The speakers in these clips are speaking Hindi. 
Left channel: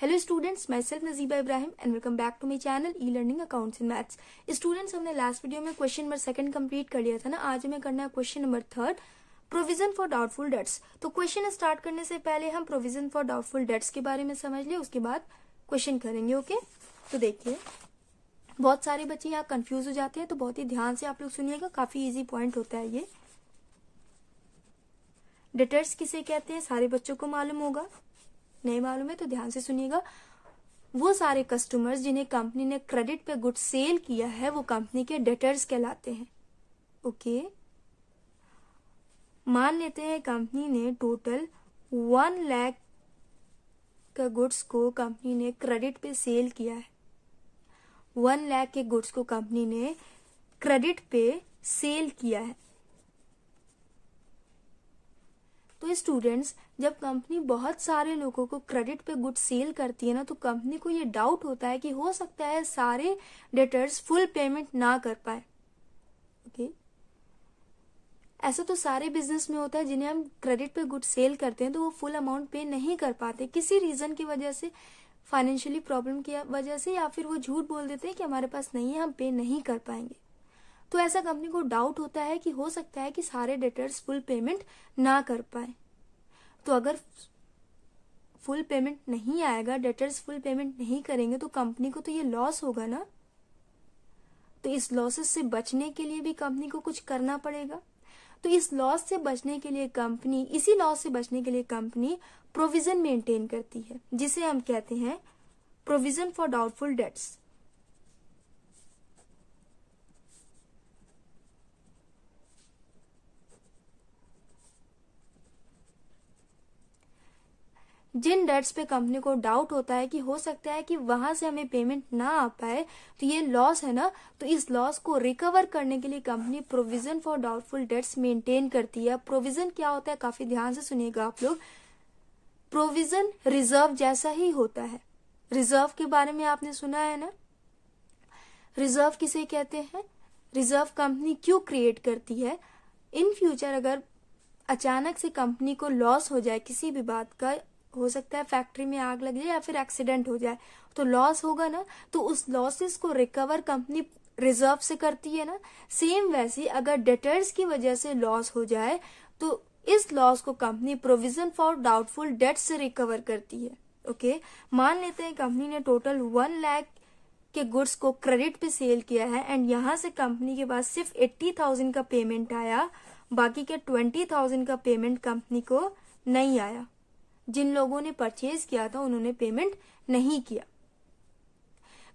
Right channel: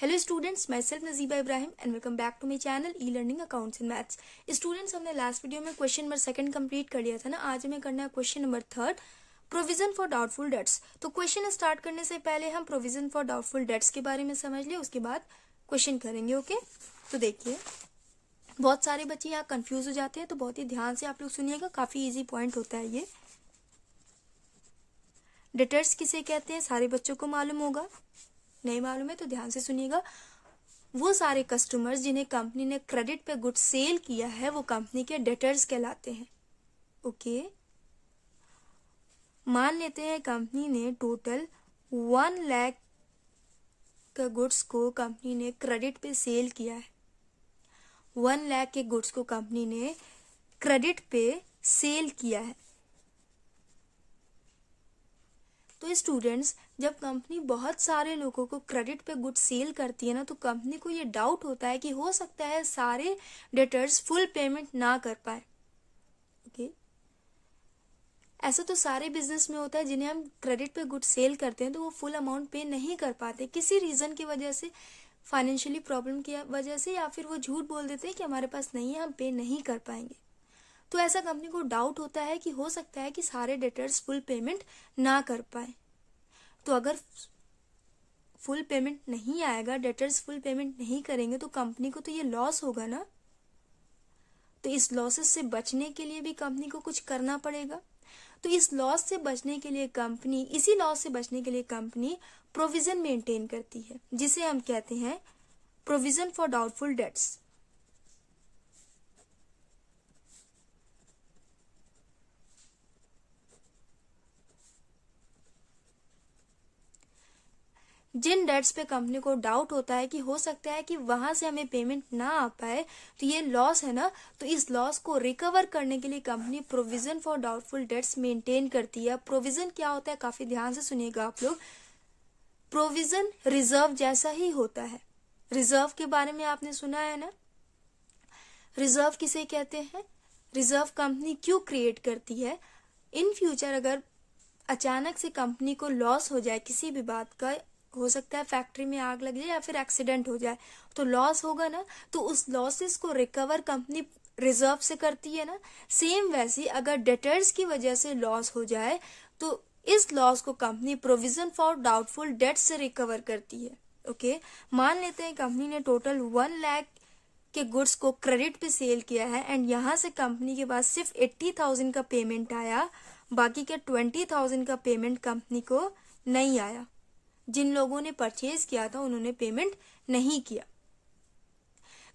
Hello students, myself Najiba Ibrahim and welcome back to my channel e learning accounts and maths. Students, हमने लास्ट वीडियो में क्वेश्चन नंबर 2 कंप्लीट कर लिया था ना। आज हमें करना है question number 3, provision for doubtful debts. तो क्वेश्चन स्टार्ट करने से पहले हम प्रोविजन फॉर डाउटफुल डेट्स के बारे में समझ लिया, उसके बाद क्वेश्चन करेंगे। ओके, तो देखिए, बहुत सारे बच्चे यहाँ कंफ्यूज हो जाते हैं, तो बहुत ही ध्यान से आप लोग सुनिएगा, काफी इजी पॉइंट होता है ये। डेटर्स किसे कहते हैं सारे बच्चों को मालूम होगा, नहीं मालूम है तो ध्यान से सुनिएगा। वो सारे कस्टमर्स जिन्हें कंपनी ने क्रेडिट पे गुड्स सेल किया है वो कंपनी के डेटर्स कहलाते हैं। ओके, मान लेते हैं कंपनी ने टोटल 1 लाख का गुड्स को कंपनी ने क्रेडिट पे सेल किया है। 1 लाख के गुड्स को कंपनी ने क्रेडिट पे सेल किया है। तो स्टूडेंट्स, जब कंपनी बहुत सारे लोगों को क्रेडिट पे गुड सेल करती है ना, तो कंपनी को ये डाउट होता है कि हो सकता है सारे डेटर्स फुल पेमेंट ना कर पाए। ओके, ऐसा तो सारे बिजनेस में होता है, जिन्हें हम क्रेडिट पे गुड सेल करते हैं तो वो फुल अमाउंट पे नहीं कर पाते, किसी रीजन की वजह से, फाइनेंशियली प्रॉब्लम की वजह से, या फिर वो झूठ बोल देते हैं कि हमारे पास नहीं है, हम पे नहीं कर पाएंगे। तो ऐसा कंपनी को डाउट होता है कि हो सकता है कि सारे डेटर्स फुल पेमेंट ना कर पाए। तो अगर फुल पेमेंट नहीं आएगा, डेटर्स फुल पेमेंट नहीं करेंगे, तो कंपनी को तो ये लॉस होगा ना। तो इस लॉसेस से बचने के लिए भी कंपनी को कुछ करना पड़ेगा। तो इस लॉस से बचने के लिए कंपनी, इसी लॉस से बचने के लिए कंपनी प्रोविजन मेंटेन करती है, जिसे हम कहते हैं प्रोविजन फॉर डाउटफुल डेट्स। जिन डेट्स पे कंपनी को डाउट होता है कि हो सकता है कि वहां से हमें पेमेंट ना आ पाए, तो ये लॉस है ना, तो इस लॉस को रिकवर करने के लिए company provision for doubtful dates maintain करती है। प्रोविजन क्या होता है, काफी ध्यान से सुनिएगा आप लोग। प्रोविजन रिजर्व जैसा ही होता है। रिजर्व के बारे में आपने सुना है ना। रिजर्व किसे कहते हैं, रिजर्व कंपनी क्यों क्रिएट करती है, इन फ्यूचर अगर अचानक से कंपनी को लॉस हो जाए किसी भी बात का, हो सकता है फैक्ट्री में आग लग जाए या फिर एक्सीडेंट हो जाए, तो लॉस होगा ना, तो उस लॉसेस को रिकवर कंपनी रिजर्व से करती है ना। सेम वैसी अगर डेटर्स की वजह से लॉस हो जाए, तो इस लॉस को company provision for doubtful debt से रिकवर करती है। ओके, मान लेते हैं कंपनी ने टोटल 1 लाख के गुड्स को क्रेडिट पे सेल किया है एंड यहाँ से कंपनी के पास सिर्फ 80,000 का पेमेंट आया, बाकी के 20,000 का पेमेंट कंपनी को नहीं आया। जिन लोगों ने परचेज किया था उन्होंने पेमेंट नहीं किया।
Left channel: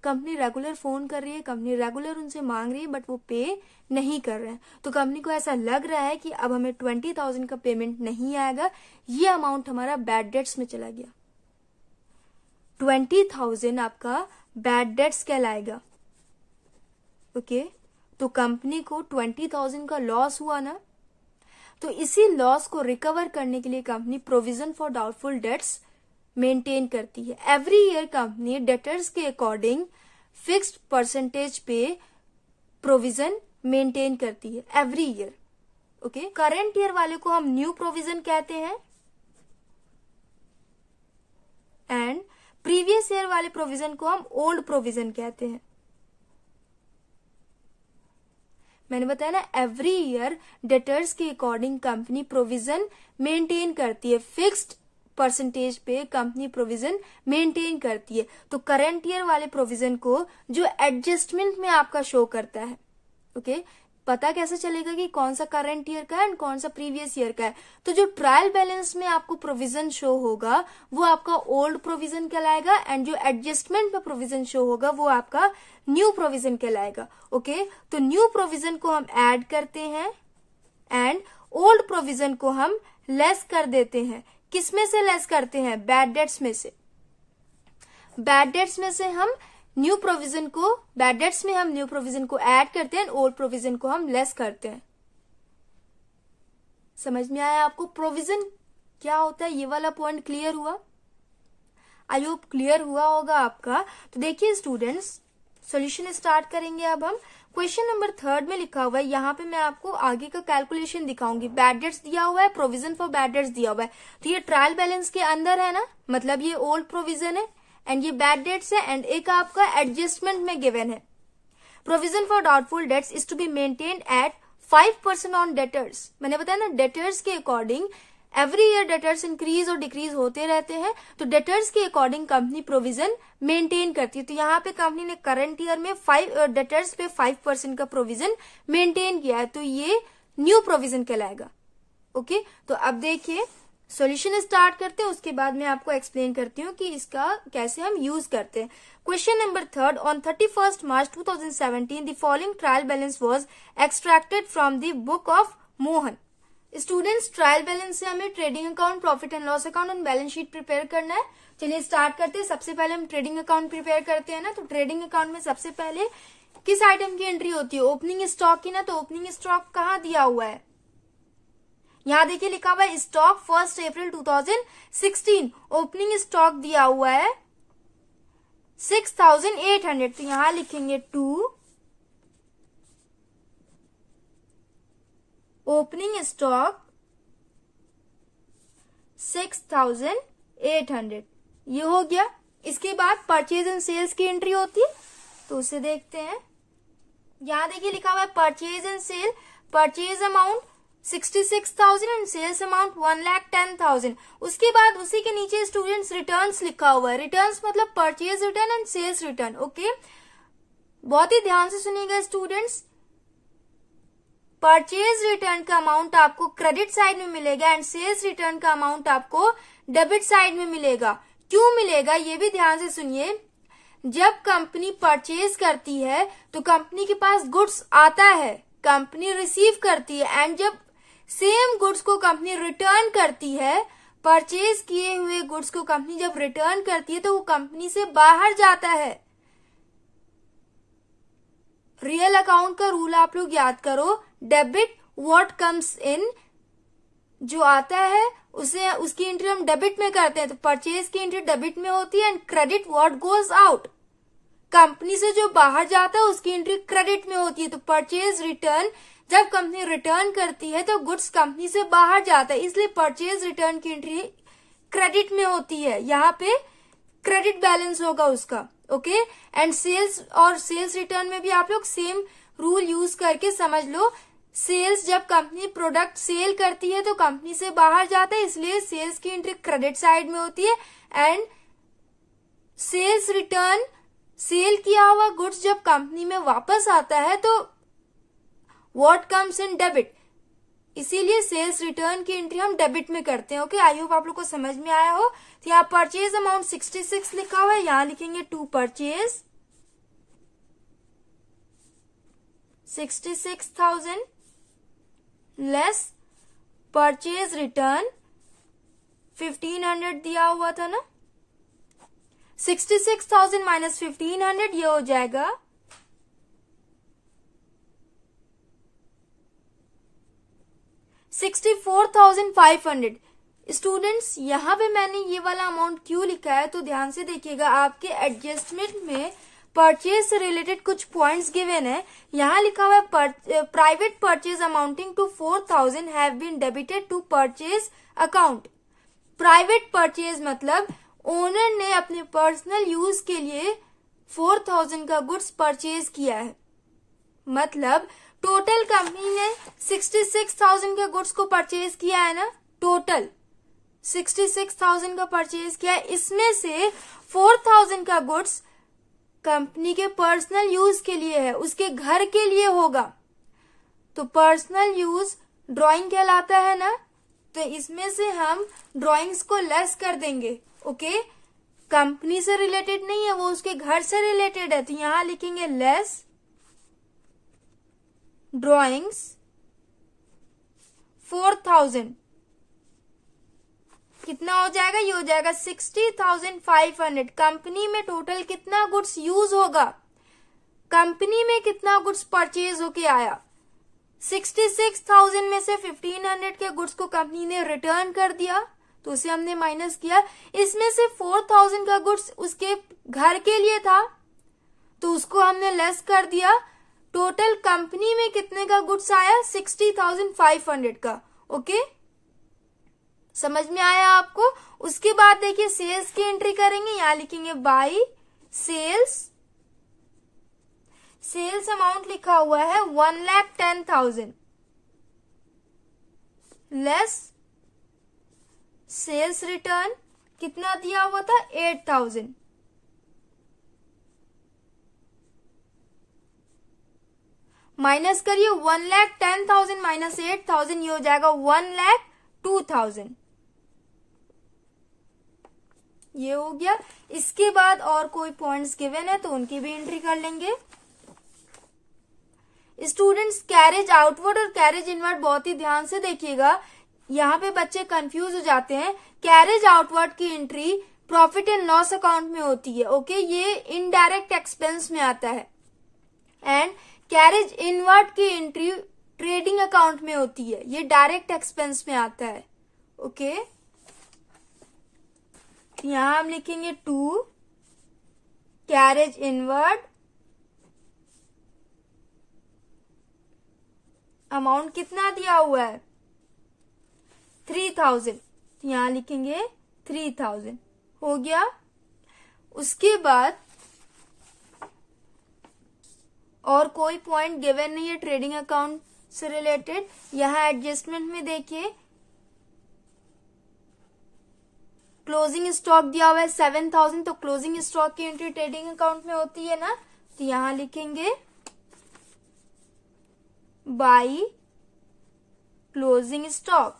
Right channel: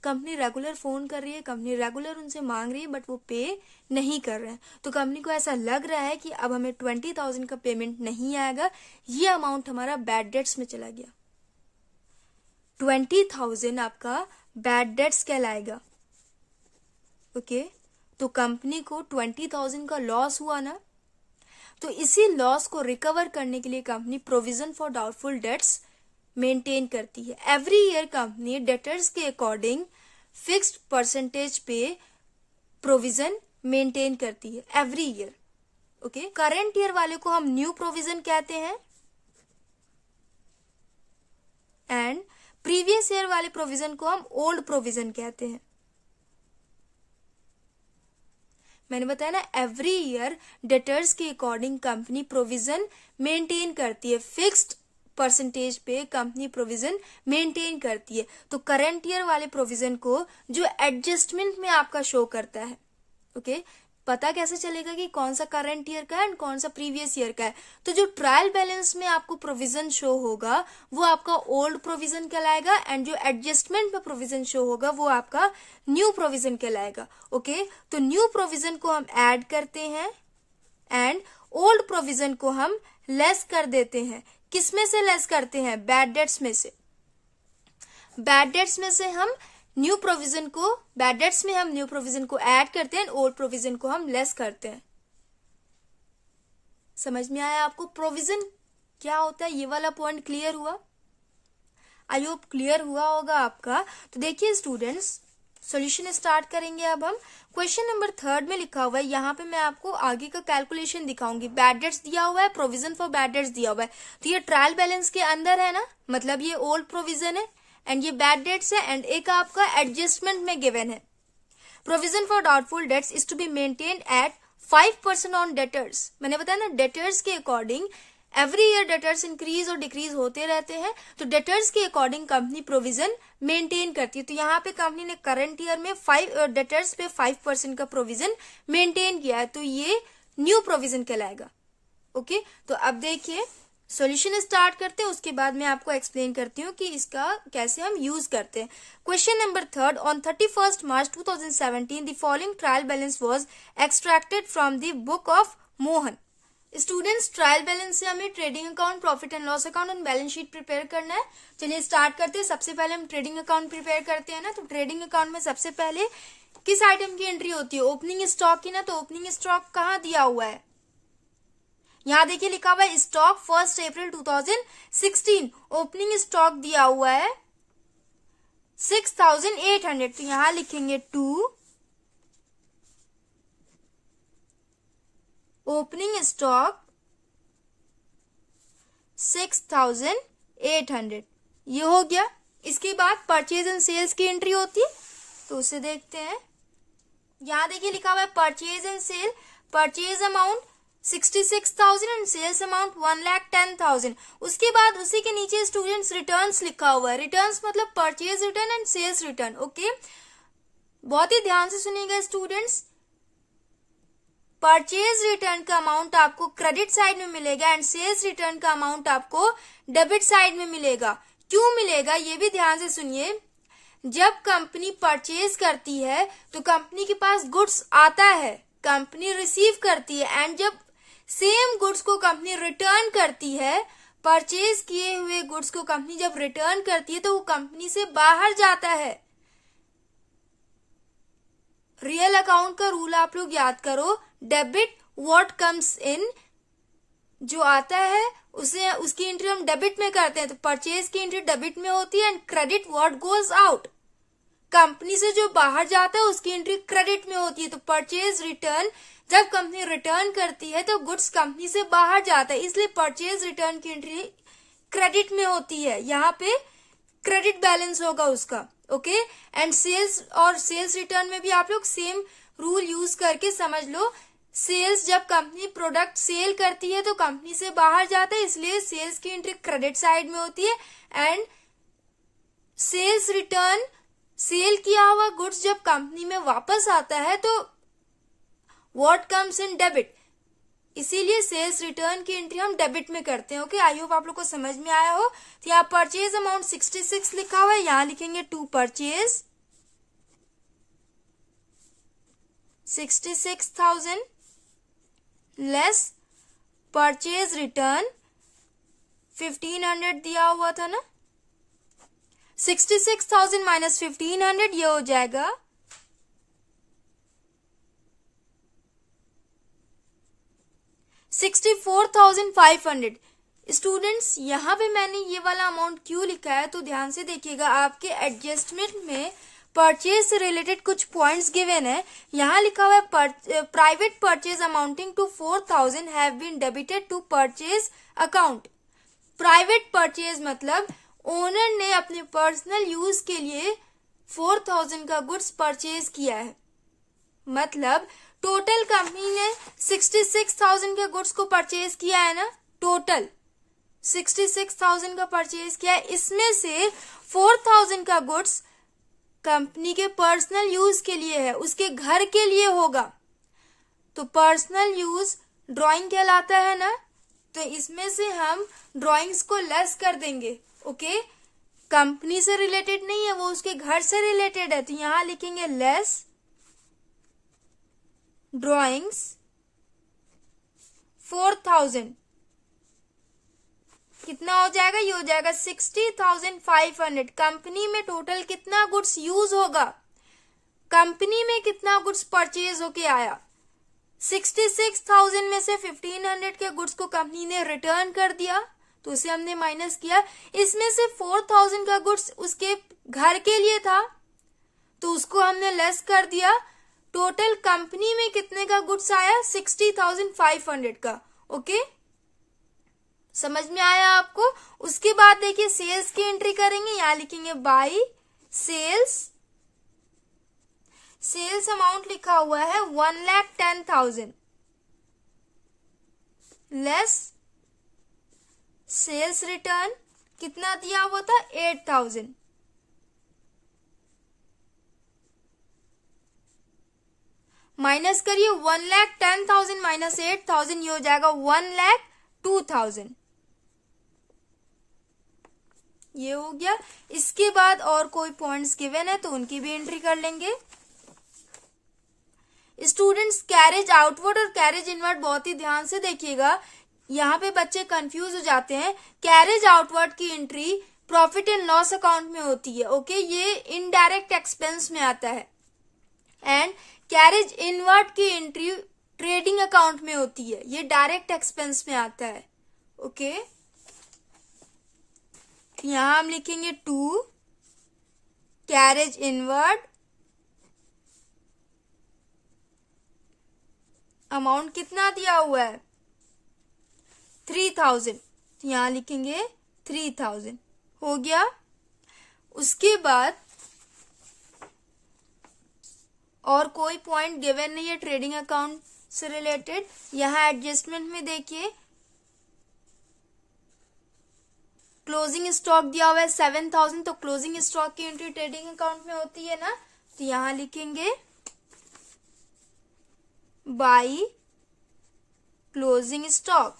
कंपनी रेगुलर फोन कर रही है, कंपनी रेगुलर उनसे मांग रही है, बट वो पे नहीं कर रहे हैं। तो कंपनी को ऐसा लग रहा है कि अब हमें 20,000 का पेमेंट नहीं आएगा, ये अमाउंट हमारा बैड डेट्स में चला गया। 20,000 आपका बैड डेट्स कहलाएगा। ओके, तो कंपनी को 20,000 का लॉस हुआ ना, तो इसी लॉस को रिकवर करने के लिए company provision for doubtful dates maintain करती है। एवरी ईयर कंपनी डेटर्स के अकॉर्डिंग फिक्स्ड परसेंटेज पे प्रोविजन मेंटेन करती है every year. Okay, current year वाले को हम न्यू प्रोविजन कहते हैं एंड प्रीवियस ईयर वाले प्रोविजन को हम ओल्ड प्रोविजन कहते हैं। मैंने बताया ना, एवरी ईयर डेटर्स के अकॉर्डिंग कंपनी प्रोविजन मेंटेन करती है, फिक्स्ड परसेंटेज पे कंपनी प्रोविजन मेंटेन करती है। तो करंट ईयर वाले प्रोविजन को जो एडजस्टमेंट में आपका शो करता है, ओके, पता कैसे चलेगा कि कौन सा करंट ईयर का है एंड कौन सा प्रीवियस ईयर का है। तो जो ट्रायल बैलेंस में आपको प्रोविजन शो होगा वो आपका ओल्ड प्रोविजन कहलाएगा एंड जो एडजस्टमेंट में प्रोविजन शो होगा वो आपका न्यू प्रोविजन कहलाएगा। ओके, तो न्यू प्रोविजन को हम ऐड करते हैं एंड ओल्ड प्रोविजन को हम लेस कर देते हैं। किसमें से लेस करते हैं, बैड डेट्स में से। बैड डेट्स में से हम न्यू प्रोविजन को, बैड डेट्स में हम न्यू प्रोविजन को ऐड करते हैं, ओल्ड प्रोविजन को हम लेस करते हैं। समझ में आया आपको प्रोविजन क्या होता है, ये वाला पॉइंट क्लियर हुआ? आई होप क्लियर हुआ होगा आपका। तो देखिए स्टूडेंट्स, सॉल्यूशन स्टार्ट करेंगे अब हम। क्वेश्चन नंबर 3 में लिखा हुआ है, यहाँ पे मैं आपको आगे का कैलकुलेशन दिखाऊंगी। बैड डेट्स दिया हुआ है, प्रोविजन फॉर बैड डेट्स दिया हुआ है, तो ये ट्रायल बैलेंस के अंदर है ना, मतलब ये ओल्ड प्रोविजन है एंड ये बैड डेट्स है, एंड एक आपका एडजस्टमेंट में गिवन है। Provision for doubtful debts is to be maintained at 5% on debtors. मैंने बताया ना, डेटर्स के according every year debtors increase और डिक्रीज होते रहते हैं, तो डेटर्स के अकॉर्डिंग कंपनी प्रोविजन मेंटेन करती है। तो यहाँ पे कंपनी ने करंट ईयर में डेटर्स पे 5% का प्रोविजन मेंटेन किया है, तो ये न्यू प्रोविजन कहलाएगा। ओके, तो अब देखिए सॉल्यूशन स्टार्ट करते हैं, उसके बाद मैं आपको एक्सप्लेन करती हूँ कि इसका कैसे हम यूज करते हैं। Question number 3, on 31 March 2017 the following trial balance was extracted from the book of Mohan. Students, trial balance से हमें trading account, profit and loss account और बैलेंस शीट प्रिपेयर करना है। चलिए स्टार्ट करते हैं। सबसे पहले हम ट्रेडिंग अकाउंट प्रिपेयर करते हैं ना, तो ट्रेडिंग अकाउंट में सबसे पहले किस आइटम की एंट्री होती है? ओपनिंग स्टॉक की ना, तो ओपनिंग स्टॉक कहाँ दिया हुआ है? यहाँ देखिए लिखा हुआ है स्टॉक 1 अप्रैल 2016। ओपनिंग स्टॉक दिया हुआ है 6800, तो यहाँ लिखेंगे 2 ओपनिंग स्टॉक 6800, ये हो गया। इसके बाद परचेज एंड सेल्स की एंट्री होती है, तो उसे देखते हैं। यहां देखिए लिखा हुआ है purchase and sale, purchase amount 66,000 and sales amount 1,10,000। उसके बाद उसी के नीचे स्टूडेंट्स रिटर्न्स लिखा हुआ है। रिटर्न्स मतलब purchase return and sales return. Okay, बहुत ही ध्यान से सुनिएगा स्टूडेंट्स। परचेज रिटर्न का अमाउंट आपको क्रेडिट साइड में मिलेगा एंड सेल्स रिटर्न का अमाउंट आपको डेबिट साइड में मिलेगा। क्यों मिलेगा ये भी ध्यान से सुनिए। जब कंपनी परचेज करती है तो कंपनी के पास गुड्स आता है, कंपनी रिसीव करती है, एंड जब सेम गुड्स को कंपनी रिटर्न करती है, परचेज किए हुए गुड्स को कंपनी जब रिटर्न करती है तो वो कंपनी से बाहर जाता है। रियल अकाउंट का रूल आप लोग याद करो, डेबिट व्हाट कम्स इन, जो आता है उसे उसकी एंट्री हम डेबिट में करते हैं, तो परचेज की एंट्री डेबिट में होती है, and credit what goes out, company से जो बाहर जाता है उसकी एंट्री क्रेडिट में होती है। तो परचेज रिटर्न, जब कंपनी रिटर्न करती है तो गुड्स कंपनी से बाहर जाता है, इसलिए परचेज रिटर्न की एंट्री क्रेडिट में होती है। यहाँ पे क्रेडिट बैलेंस होगा उसका। ओके, एंड सेल्स और सेल्स रिटर्न में भी आप लोग सेम रूल यूज करके समझ लो। सेल्स, जब कंपनी प्रोडक्ट सेल करती है तो कंपनी से बाहर जाता है, इसलिए सेल्स की एंट्री क्रेडिट साइड में होती है, एंड सेल्स रिटर्न, सेल किया हुआ गुड्स जब कंपनी में वापस आता है तो व्हाट कम्स इन डेबिट, इसीलिए सेल्स रिटर्न की एंट्री हम डेबिट में करते हैं। ओके, आई होप आप लोग को समझ में आया हो। तो यहाँ परचेज अमाउंट 66 लिखा हुआ है, यहाँ लिखेंगे 2 परचेज 66,000 लेस परचेज रिटर्न 1500 दिया हुआ था ना, 66,000 माइनस 1500, ये हो जाएगा 64,500। स्टूडेंट्स, यहाँ पे मैंने ये वाला अमाउंट क्यों लिखा है तो ध्यान से देखिएगा। आपके एडजस्टमेंट में परचेज से रिलेटेड कुछ पॉइंट्स गिवन है। यहाँ लिखा हुआ है private purchase amounting to 4,000 have been debited to purchase account. Private purchase मतलब ओनर ने अपने पर्सनल यूज के लिए 4,000 का गुड्स परचेज किया है, मतलब टोटल कंपनी ने 66,000 के गुड्स को परचेज किया है ना, टोटल 66,000 का परचेज किया है। इसमें से 4,000 का गुड्स कंपनी के पर्सनल यूज के लिए है, उसके घर के लिए होगा, तो पर्सनल यूज ड्राइंग कहलाता है ना, तो इसमें से हम ड्राइंग्स को लेस कर देंगे। ओके, कंपनी से रिलेटेड नहीं है, वो उसके घर से रिलेटेड है, तो यहां लिखेंगे लेस ड्राइंग्स 4,000, कितना हो जाएगा? ये हो जाएगा 60,500। कंपनी में टोटल कितना गुड्स यूज होगा, कंपनी में कितना गुड्स परचेज होके आया, 66,000 में से 1500 के गुड्स को कंपनी ने रिटर्न कर दिया, तो उसे हमने माइनस किया। इसमें से 4,000 का गुड्स उसके घर के लिए था, तो उसको हमने लेस कर दिया। टोटल कंपनी में कितने का गुड्स आया? 60,500 का। ओके, समझ में आया आपको। उसके बाद देखिए सेल्स की एंट्री करेंगे, यहां लिखेंगे बाई सेल्स। सेल्स अमाउंट लिखा हुआ है 1,10,000 लेस सेल्स रिटर्न कितना दिया हुआ था 8,000। माइनस करिए 1,10,000 माइनस 8,000, ये हो जाएगा 1,02,000। ये हो गया। इसके बाद और कोई पॉइंट्स गिवन है तो उनकी भी एंट्री कर लेंगे। स्टूडेंट्स कैरेज आउटवर्ड और कैरेज इनवर्ड बहुत ही ध्यान से देखिएगा, यहाँ पे बच्चे कंफ्यूज हो जाते हैं। कैरेज आउटवर्ड की entry profit and loss account में होती है, ओके, ये इनडायरेक्ट एक्सपेंस में आता है। एंड कैरेज इनवर्ड की एंट्री ट्रेडिंग अकाउंट में होती है, ये डायरेक्ट एक्सपेंस में आता है, ओके। यहां हम लिखेंगे टू कैरेज इनवर्ड अमाउंट कितना दिया हुआ है 3,000, यहां लिखेंगे 3,000। हो गया। उसके बाद और कोई पॉइंट गिवन नहीं है ट्रेडिंग अकाउंट से रिलेटेड। यहां एडजस्टमेंट में देखिए क्लोजिंग स्टॉक दिया हुआ है 7,000, तो क्लोजिंग स्टॉक की एंट्री ट्रेडिंग अकाउंट में होती है ना, तो यहां लिखेंगे बाई क्लोजिंग स्टॉक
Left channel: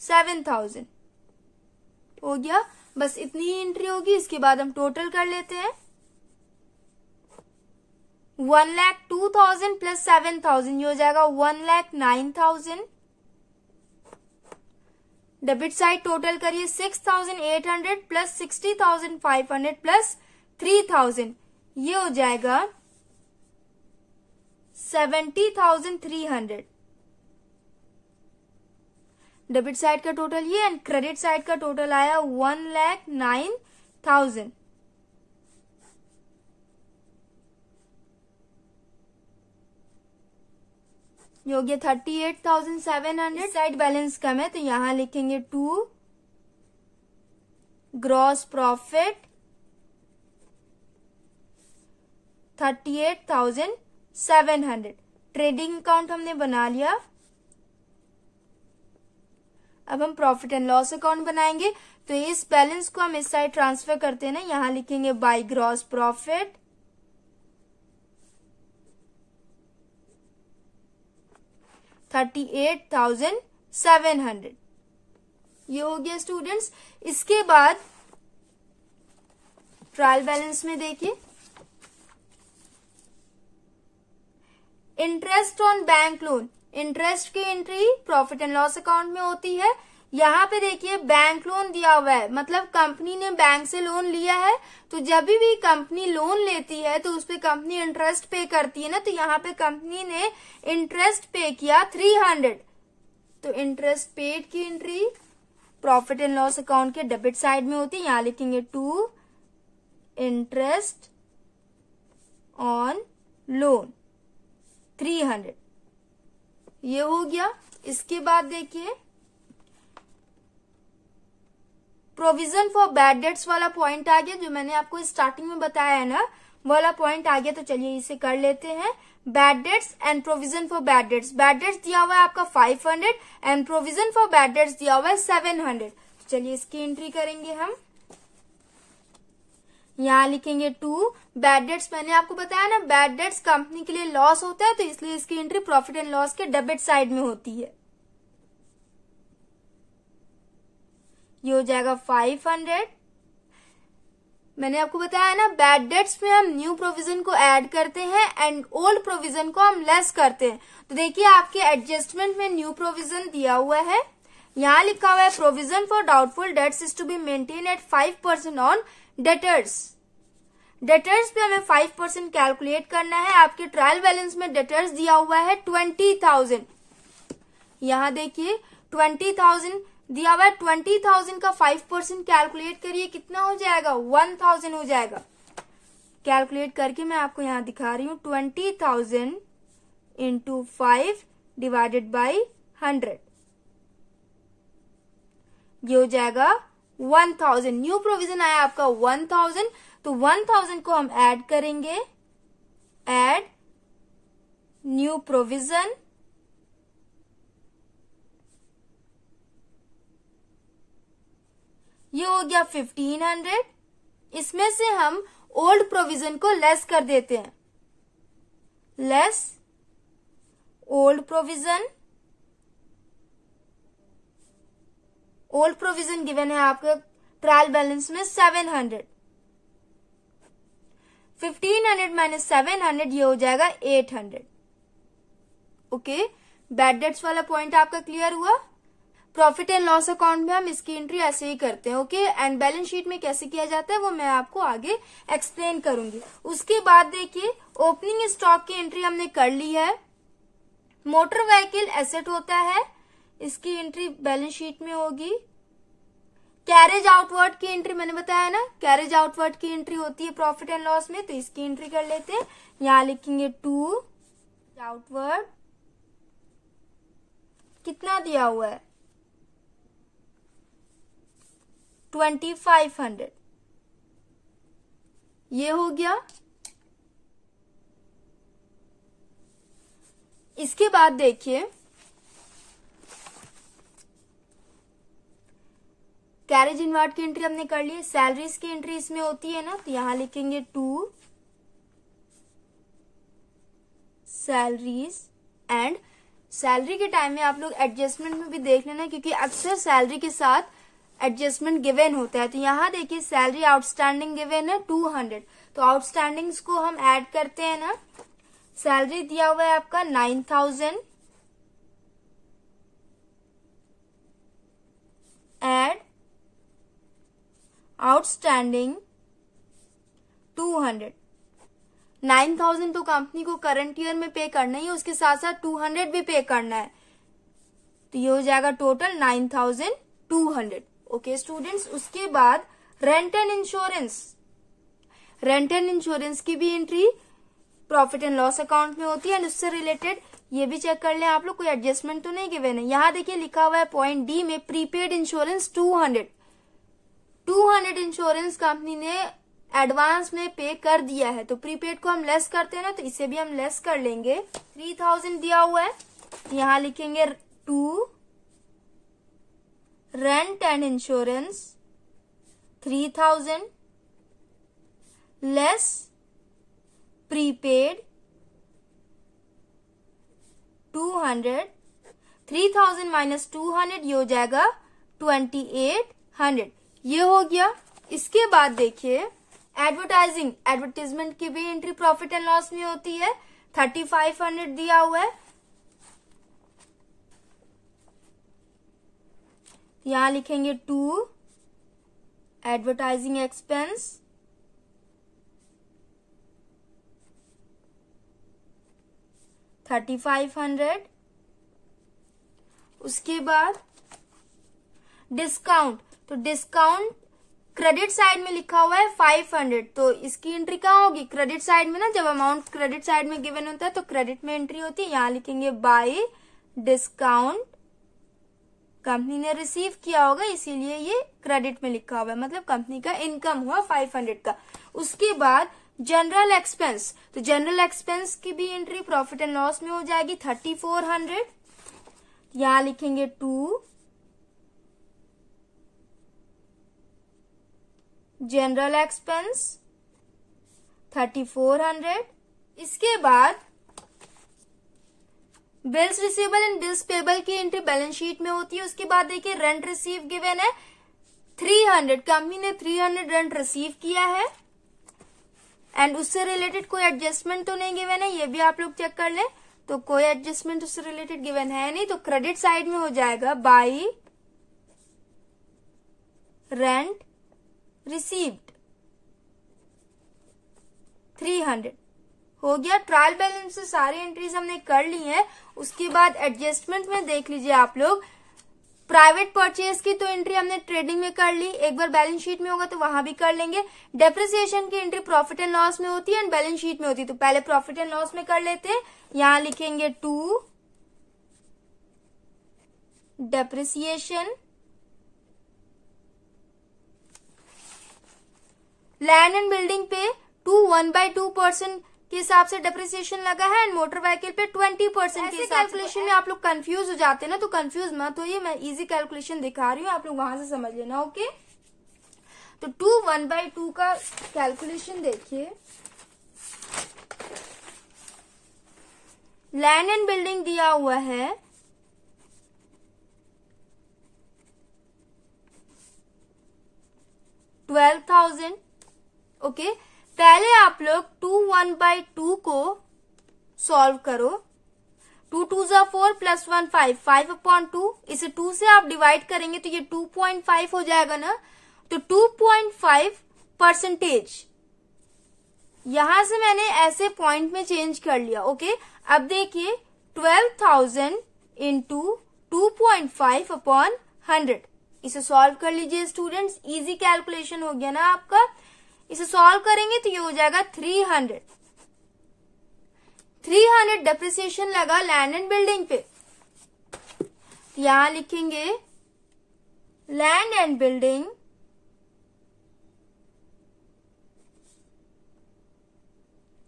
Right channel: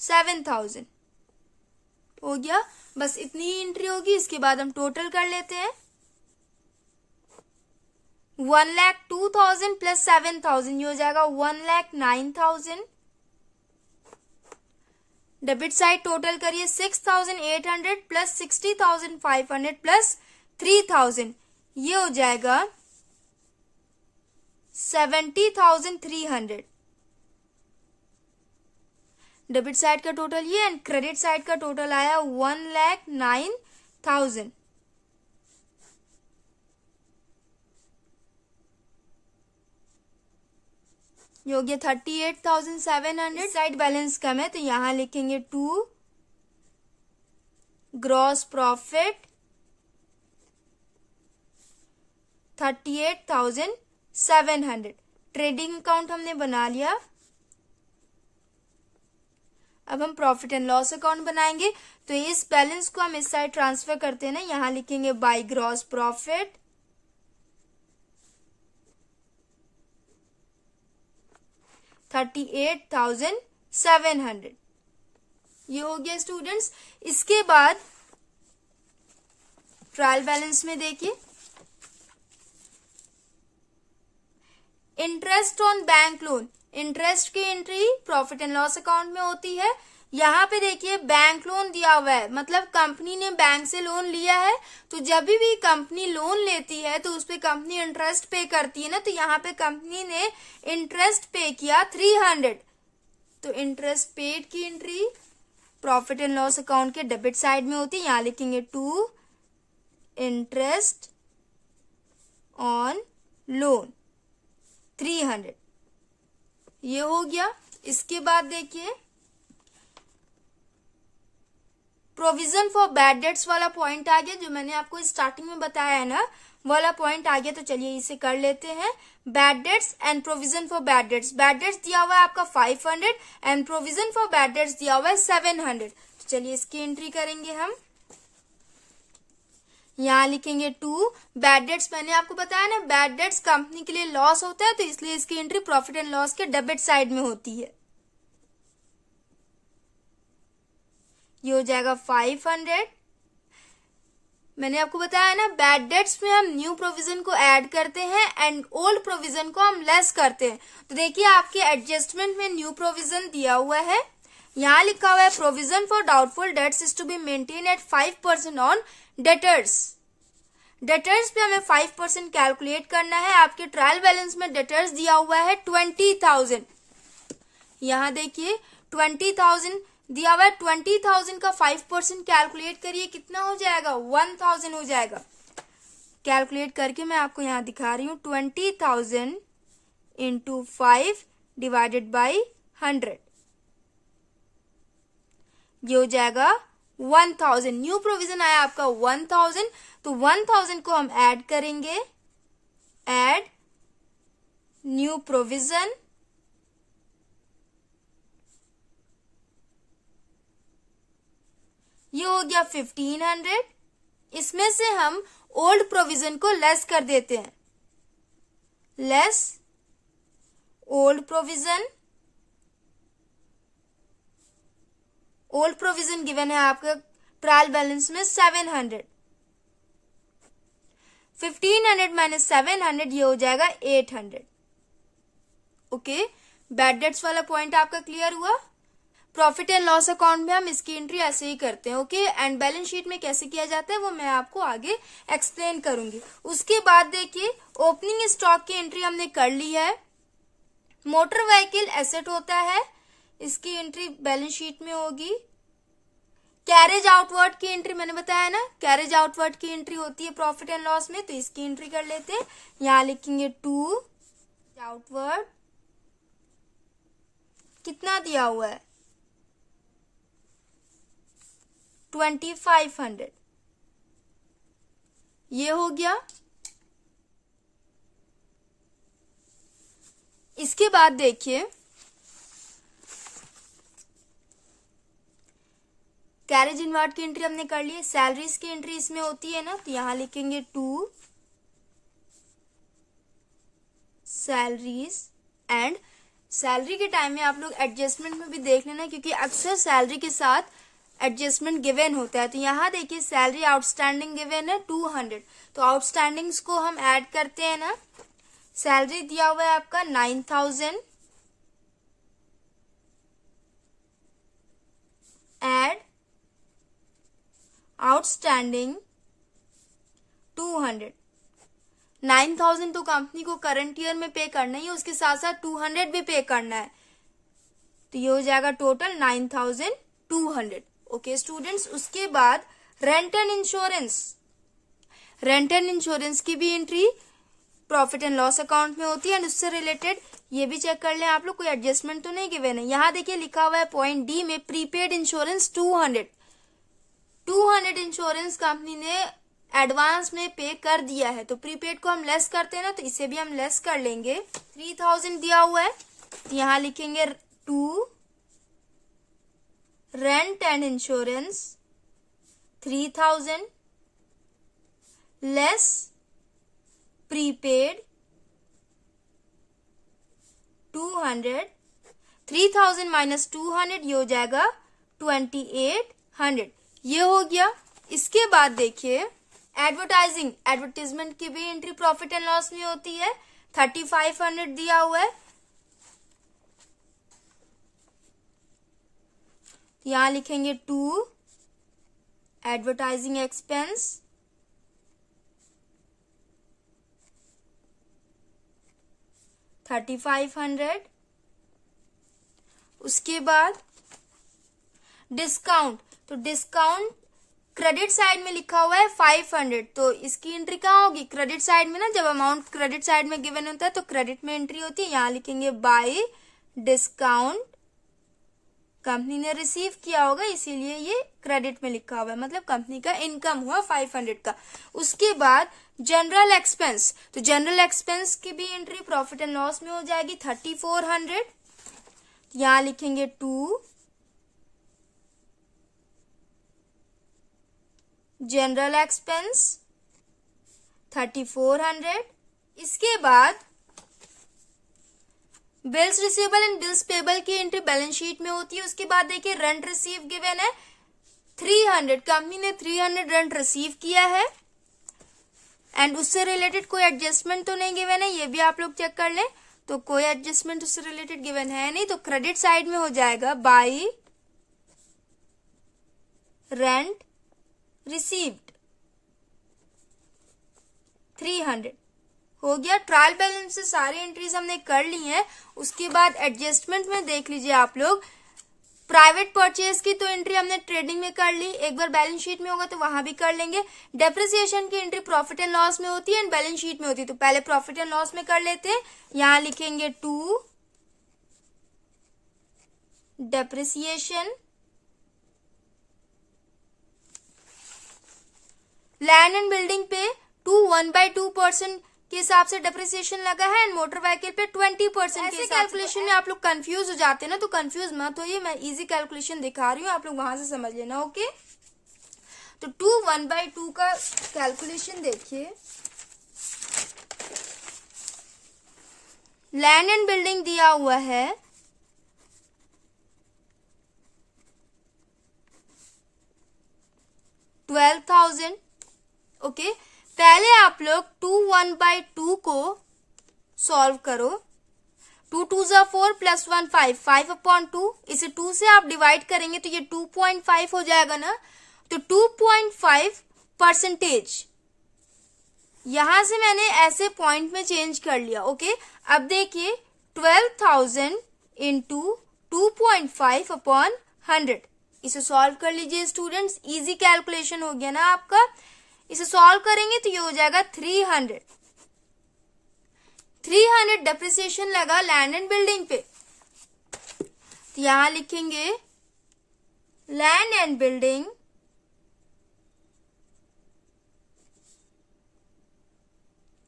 7,000। हो गया, बस इतनी ही एंट्री होगी। इसके बाद हम टोटल कर लेते हैं। 1,02,000 प्लस 7,000 ये हो जाएगा 1,09,000। डेबिट साइड टोटल करिए 6,800 प्लस 60,500 प्लस 3,000, ये हो जाएगा 70,300। डेबिट साइड का टोटल ये एंड क्रेडिट साइड का टोटल आया 1,09,000। ये हो गया 38,700। साइड बैलेंस कम है तो यहां लिखेंगे to gross profit 38,700। Trading account हमने बना लिया। अब हम प्रॉफिट एंड लॉस अकाउंट बनाएंगे, तो इस बैलेंस को हम इस साइड ट्रांसफर करते हैं ना, यहां लिखेंगे बाय ग्रॉस प्रॉफिट 38,700। ये हो गया स्टूडेंट्स। इसके बाद ट्रायल बैलेंस में देखिए interest on bank loan, interest की entry profit and loss account में होती है। यहाँ पे देखिए बैंक लोन दिया हुआ है, मतलब कंपनी ने बैंक से लोन लिया है, तो जब भी कंपनी लोन लेती है तो उस पे कंपनी इंटरेस्ट पे करती है ना, तो यहाँ पे कंपनी ने इंटरेस्ट पे किया 300, तो इंटरेस्ट पेड की entry profit and loss account के डेबिट साइड में होती है। यहाँ लिखेंगे टू इंटरेस्ट ऑन लोन 300, ये हो गया। इसके बाद देखिए प्रोविजन फॉर बैड डेट्स वाला पॉइंट आ गया, जो मैंने आपको स्टार्टिंग में बताया है ना, वाला पॉइंट आ गया। तो चलिए इसे कर लेते हैं। Bad debts and provision for bad debts. Bad debts दिया हुआ है आपका 500 and provision for bad debts दिया हुआ है 700। तो चलिए इसकी एंट्री करेंगे हम। यहाँ लिखेंगे टू बैड डेट्स। मैंने आपको बताया ना बैड डेट्स कंपनी के लिए लॉस होता है, तो इसलिए इसकी एंट्री प्रॉफिट एंड लॉस के डेबिट साइड में होती है। ये हो जाएगा 500। मैंने आपको बताया ना बैड डेट्स में हम न्यू प्रोविजन को ऐड करते हैं एंड ओल्ड प्रोविजन को हम लेस करते हैं। तो देखिए आपके एडजस्टमेंट में न्यू प्रोविजन दिया हुआ है, यहाँ लिखा हुआ है provision for doubtful debts is to be maintain at 5% on debtors. Debtors पे हमें 5% कैलकुलेट करना है। आपके ट्रायल बैलेंस में डेटर्स दिया हुआ है 20,000। यहाँ देखिए 20,000 दिया हुआ है, 20,000 का 5% कैलकुलेट करिए, कितना हो जाएगा 1,000 हो जाएगा। कैलकुलेट करके मैं आपको यहाँ दिखा रही हूँ 20,000 इंटू 5 डिवाइडेड बाई 100, ये हो जाएगा 1000। न्यू प्रोविजन आया आपका 1000, तो 1000 को हम ऐड करेंगे, ऐड न्यू प्रोविजन, ये हो गया 1500। इसमें से हम ओल्ड प्रोविजन को लेस कर देते हैं, less old provision. Old provision given है आपका ट्रायल बैलेंस में 700, 1500 माइनस 700, ये हो जाएगा 800। ओके, बैड डेट्स वाला पॉइंट आपका क्लियर हुआ। प्रॉफिट एंड लॉस अकाउंट में हम इसकी एंट्री ऐसे ही करते हैं। ओके, एंड बैलेंस शीट में कैसे किया जाता है वो मैं आपको आगे एक्सप्लेन करूंगी। उसके बाद देखिए, ओपनिंग स्टॉक की एंट्री हमने कर ली है। मोटर व्हीकल एसेट होता है, इसकी एंट्री बैलेंस शीट में होगी। कैरेज आउटवर्ड की एंट्री मैंने बताया ना, कैरेज आउटवर्ड की एंट्री होती है प्रॉफिट एंड लॉस में, तो इसकी एंट्री कर लेते हैं। यहां लिखेंगे 2 आउटवर्ड, कितना दिया हुआ है 2500, ये हो गया। इसके बाद देखिए, कैरेज इनवर्ड की एंट्री हमने कर ली। सैलरीज की एंट्री इसमें होती है ना, तो यहां लिखेंगे 2 सैलरीज। एंड सैलरी के टाइम में आप लोग एडजस्टमेंट में भी देख लेना, क्योंकि अक्सर सैलरी के साथ एडजस्टमेंट गिवन होता है। तो यहाँ देखिए, सैलरी आउटस्टैंडिंग गिवन है 200, तो आउटस्टैंडिंग्स को हम ऐड करते हैं ना। सैलरी दिया हुआ है आपका 9000, ऐड आउटस्टैंडिंग 200। 9000 तो कंपनी को करंट ईयर में पे करना ही है, उसके साथ साथ 200 भी पे करना है, तो ये हो जाएगा टोटल 9200। ओके स्टूडेंट्स, उसके बाद rent and insurance, rent and insurance की भी entry profit and loss account में होती है। एंड उससे रिलेटेड ये भी चेक कर लें आप लोग, कोई एडजस्टमेंट तो नहीं गिवन है। यहाँ देखिए लिखा हुआ है पॉइंट डी में, प्रीपेड इंश्योरेंस 200 इंश्योरेंस कंपनी ने एडवांस में पे कर दिया है, तो प्रीपेड को हम लेस करते हैं ना, तो इसे भी हम लेस कर लेंगे। 3000 दिया हुआ है, यहाँ लिखेंगे 2 rent and insurance 3000 less prepaid 200, 3000 minus 200, ये हो जाएगा 2800, ये हो गया। इसके बाद देखिए, एडवर्टाइजिंग, एडवर्टाइजमेंट की भी एंट्री प्रॉफिट एंड लॉस में होती है। 3500 दिया हुआ है, यहां लिखेंगे 2 एडवर्टाइजिंग एक्सपेंस 3500। उसके बाद डिस्काउंट, तो डिस्काउंट क्रेडिट साइड में लिखा हुआ है 500, तो इसकी एंट्री कहाँ होगी क्रेडिट साइड में ना। जब अमाउंट क्रेडिट साइड में गिवन होता है तो क्रेडिट में एंट्री होती है। यहां लिखेंगे बाय डिस्काउंट, कंपनी ने रिसीव किया होगा इसीलिए ये क्रेडिट में लिखा हुआ है, मतलब कंपनी का इनकम हुआ 500 का। उसके बाद जनरल एक्सपेंस, तो जनरल एक्सपेंस की भी एंट्री प्रॉफिट एंड लॉस में हो जाएगी 3400। यहां लिखेंगे 2 जनरल एक्सपेंस 3400। इसके बाद bills receivable and bills payable की एंट्री बैलेंस शीट में होती है। उसके बाद देखिए रेंट रिसीव गिवन है 300, कंपनी ने 300 रेंट रिसीव किया है एंड उससे रिलेटेड कोई एडजस्टमेंट तो नहीं गिवन है, ये भी आप लोग चेक कर लें। तो कोई एडजस्टमेंट उससे रिलेटेड गिवन है नहीं, तो क्रेडिट साइड में हो जाएगा बाय रेंट रिसीव्ड 300, हो गया। ट्रायल बैलेंस से सारी एंट्रीज हमने कर ली हैं। उसके बाद एडजस्टमेंट में देख लीजिए आप लोग, प्राइवेट परचेज की तो एंट्री हमने ट्रेडिंग में कर ली, एक बार बैलेंस शीट में होगा तो वहां भी कर लेंगे। डेप्रिसिएशन की एंट्री प्रॉफिट एंड लॉस में होती है एंड बैलेंस शीट में होती है, तो पहले प्रॉफिट एंड लॉस में कर लेते हैं। यहां लिखेंगे 2 डेप्रिसिएशन, लैंड एंड बिल्डिंग पे 1/2% के हिसाब से डेप्रिसिएशन लगा है एंड मोटर व्हीकल पे 20% के कैलकुलेशन में आप लोग कंफ्यूज हो जाते हैं ना, तो कंफ्यूज मत होइए, मैं इजी कैलकुलेशन दिखा रही हूँ, आप लोग वहां से समझ लेना। ओके, तो 1/2 का कैलकुलेशन देखिए। लैंड एंड बिल्डिंग दिया हुआ है 12,000। ओके, पहले आप लोग 1/2 को सॉल्व करो। 2 2 जा 4 प्लस 1 5, 5/2, इसे 2 से आप डिवाइड करेंगे तो ये 2.5 हो जाएगा ना, तो 2.5%। यहां से मैंने ऐसे पॉइंट में चेंज कर लिया। ओके, अब देखिए 12,000 इंटू 2.5/100, इसे सॉल्व कर लीजिए स्टूडेंट्स, इजी कैलकुलेशन हो गया ना आपका। इसे सॉल्व करेंगे तो ये हो जाएगा 300 डेप्रिसिएशन लगा लैंड एंड बिल्डिंग पे। तो यहां लिखेंगे लैंड एंड बिल्डिंग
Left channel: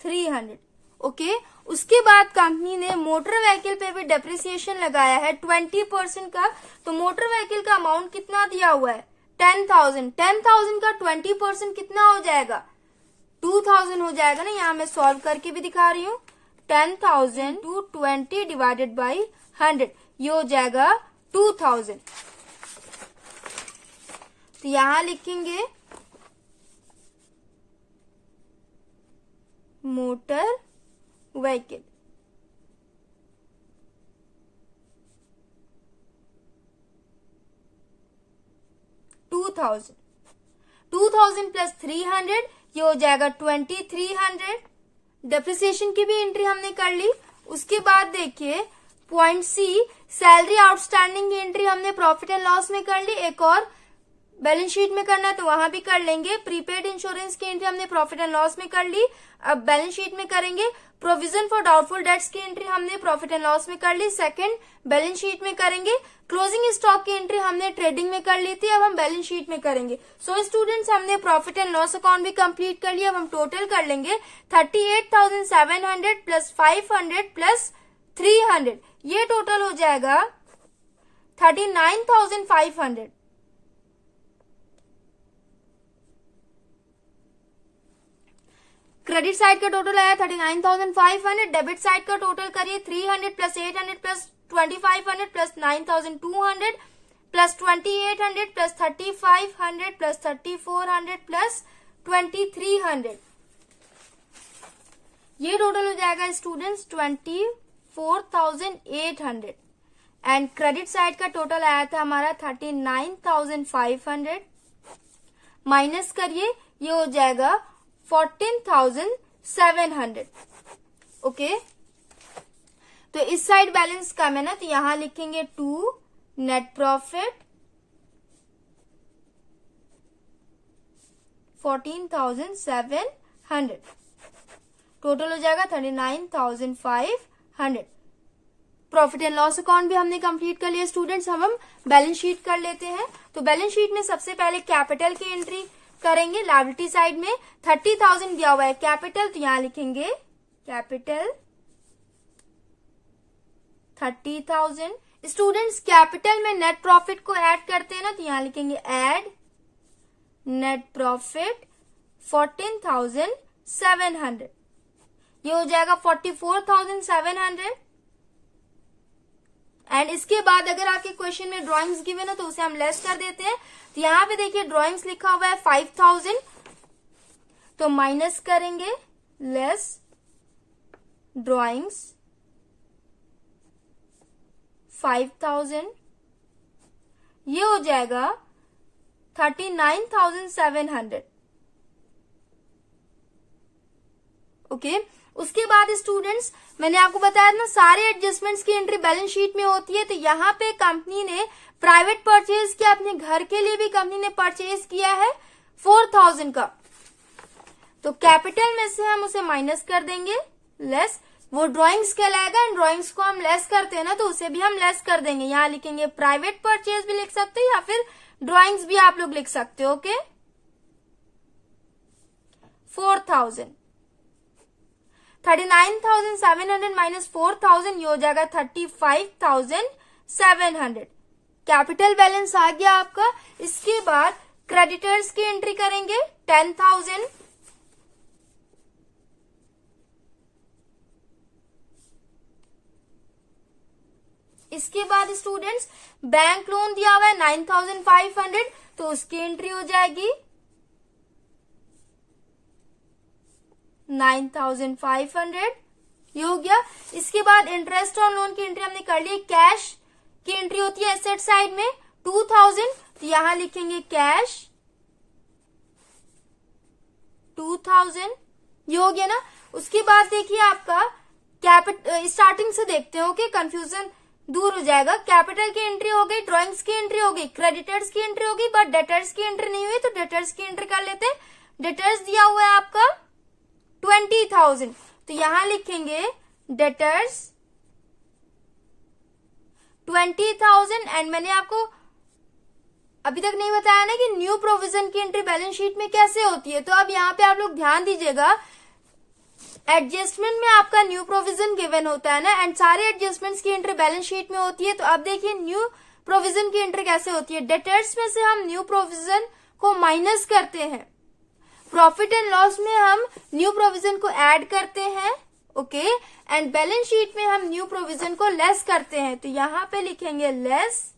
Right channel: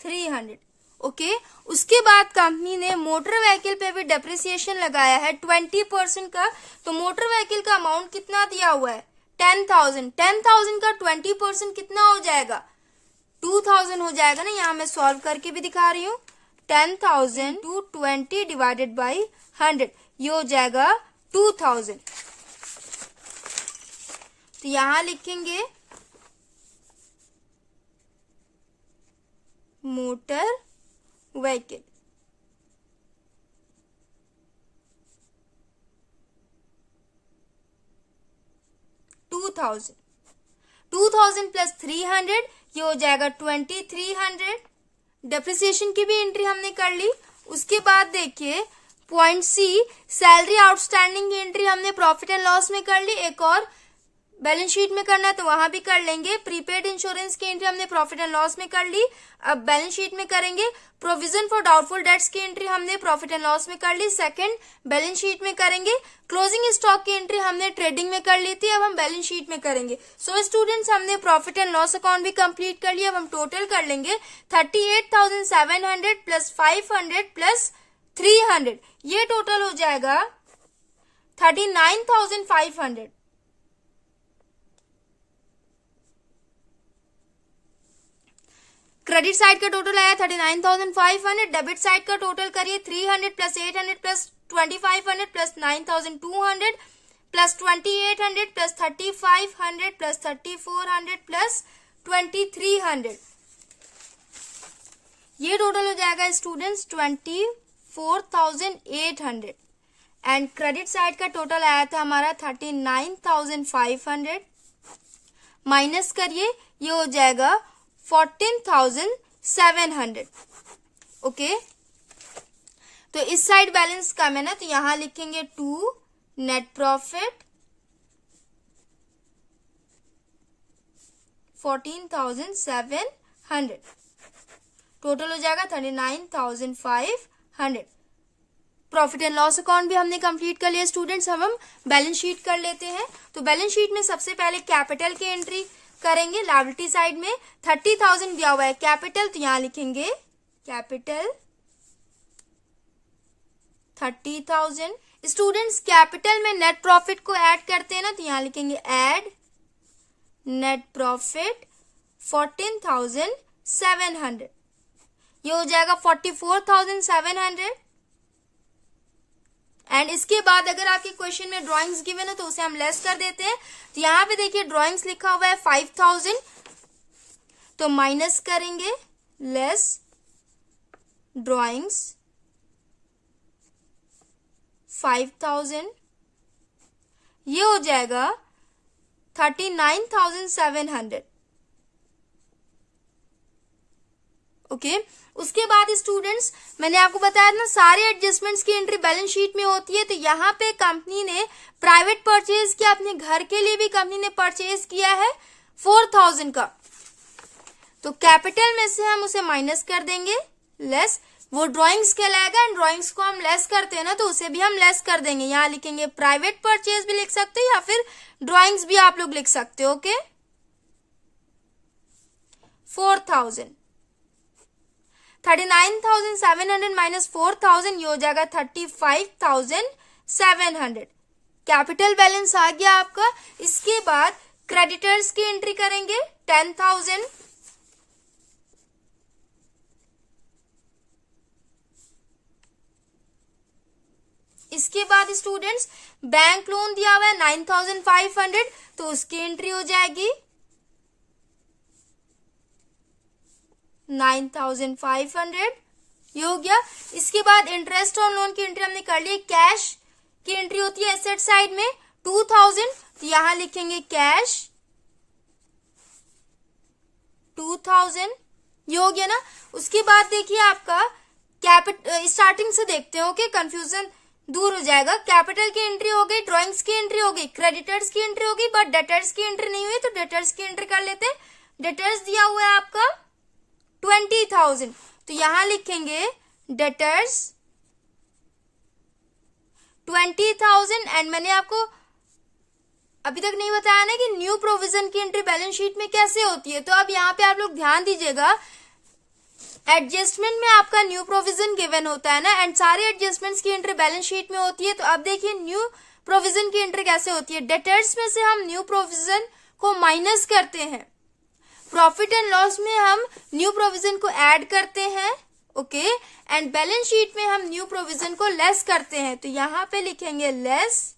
300। ओके, उसके बाद कंपनी ने मोटर व्हीकल पे भी डेप्रिसिएशन लगाया है 20% का, तो मोटर व्हीकल का अमाउंट कितना दिया हुआ है 10,000। 10,000 का 20% कितना हो जाएगा 2,000 हो जाएगा ना, यहाँ मैं सॉल्व करके भी दिखा रही हूँ। 10,000 टू 20 डिवाइडेड बाई 100, ये हो जाएगा 2,000। तो यहां लिखेंगे मोटर व्हीकल 2,000 प्लस 300, ये हो जाएगा 2,300। डेप्रिसिएशन की भी एंट्री हमने कर ली। उसके बाद देखिए पॉइंट सी, सैलरी आउटस्टैंडिंग की एंट्री हमने प्रॉफिट एंड लॉस में कर ली, एक और बैलेंस शीट में करना है तो वहां भी कर लेंगे। प्रीपेड इंश्योरेंस की एंट्री हमने प्रॉफिट एंड लॉस में कर ली, अब बैलेंस शीट में करेंगे। प्रोविजन फॉर डाउटफुल डेट्स की एंट्री हमने प्रॉफिट एंड लॉस में कर ली, सेकंड बैलेंस शीट में करेंगे। क्लोजिंग स्टॉक की एंट्री हमने ट्रेडिंग में कर ली थी, अब हम बैलेंस शीट में करेंगे। सो स्टूडेंट्स, हमने प्रॉफिट एंड लॉस अकाउंट भी कंप्लीट कर लिया। अब हम टोटल कर लेंगे 38,700 प्लस 500 प्लस 300, ये टोटल हो जाएगा 39,500। क्रेडिट साइड का टोटल आया 39,500, डेबिट साइड का टोटल करिए 300 plus 800 plus 2,500 plus 9,200 plus 2,800 plus 3,500 plus 3,400 plus 2,300, ये टोटल हो जाएगा स्टूडेंट्स 24,800। एंड क्रेडिट साइड का टोटल आया था हमारा 39,500, माइनस करिए, ये हो जाएगा 14,700। ओके, तो इस साइड बैलेंस कम है ना, तो यहां लिखेंगे 2 नेट प्रॉफिट 14,700, टोटल हो जाएगा 39,500। प्रॉफिट एंड लॉस अकाउंट भी हमने कंप्लीट कर लिया स्टूडेंट्स। हम बैलेंस शीट कर लेते हैं। तो बैलेंस शीट में सबसे पहले कैपिटल की एंट्री करेंगे। लायबिलिटी साइड में 30,000 दिया हुआ है कैपिटल, तो यहां लिखेंगे कैपिटल 30,000। स्टूडेंट्स, कैपिटल में नेट प्रॉफिट को ऐड करते हैं ना, तो यहां लिखेंगे ऐड नेट प्रॉफिट 14,700, ये हो जाएगा 44,700। एंड इसके बाद अगर आपके क्वेश्चन में ड्राइंग्स गिवन है तो उसे हम लेस कर देते हैं। तो यहां पे देखिए ड्राइंग्स लिखा हुआ है 5,000, तो माइनस करेंगे लेस ड्राइंग्स 5,000, ये हो जाएगा 39,700। ओके, उसके बाद स्टूडेंट्स, मैंने आपको बताया ना सारे एडजस्टमेंट्स की एंट्री बैलेंस शीट में होती है। तो यहाँ पे कंपनी ने प्राइवेट परचेज किया, अपने घर के लिए भी कंपनी ने परचेज किया है 4,000 का, तो कैपिटल में से हम उसे माइनस कर देंगे लेस वो ड्राइंग्स कहलाएगा। एंड ड्राइंग्स को हम लेस करते हैं ना, तो उसे भी हम लेस कर देंगे। यहाँ लिखेंगे प्राइवेट परचेज भी लिख सकते हो या फिर ड्राइंग्स भी आप लोग लिख सकते हो। ओके, 4000, 39,700 माइनस 4,000 ये हो जाएगा 35,700। कैपिटल बैलेंस आ गया आपका। इसके बाद क्रेडिटर्स की एंट्री करेंगे 10,000, इसके बाद स्टूडेंट्स बैंक लोन दिया हुआ है 9,500, तो उसकी एंट्री हो जाएगी 9,500, ये हो गया। इसके बाद इंटरेस्ट ऑन लोन की एंट्री हमने कर ली। कैश की एंट्री होती है एसेट साइड में 2,000, तो यहां लिखेंगे कैश 2,000, ये हो गया ना। उसके बाद देखिए आपका स्टार्टिंग से देखते हो कि कंफ्यूजन दूर हो जाएगा। कैपिटल की एंट्री हो गई, ड्राइंग्स की एंट्री हो गई, क्रेडिटर्स की एंट्री होगी, बट डेटर्स की एंट्री नहीं हुई, तो डेटर्स की एंट्री कर लेते हैं। डेटर्स दिया हुआ है आपका 20,000, तो यहां लिखेंगे डेटर्स 20,000। एंड मैंने आपको अभी तक नहीं बताया ना कि न्यू प्रोविजन की एंट्री बैलेंस शीट में कैसे होती है। तो अब यहाँ पे आप लोग ध्यान दीजिएगा, एडजस्टमेंट में आपका न्यू प्रोविजन गिवन होता है ना, एंड सारे एडजस्टमेंट्स की एंट्री बैलेंस शीट में होती है। तो अब देखिए न्यू प्रोविजन की एंट्री कैसे होती है। डेटर्स में से हम न्यू प्रोविजन को माइनस करते हैं, प्रॉफिट एंड लॉस में हम न्यू प्रोविजन को ऐड करते हैं। ओके, एंड बैलेंस शीट में हम न्यू प्रोविजन को लेस करते हैं। तो यहां पे लिखेंगे लेस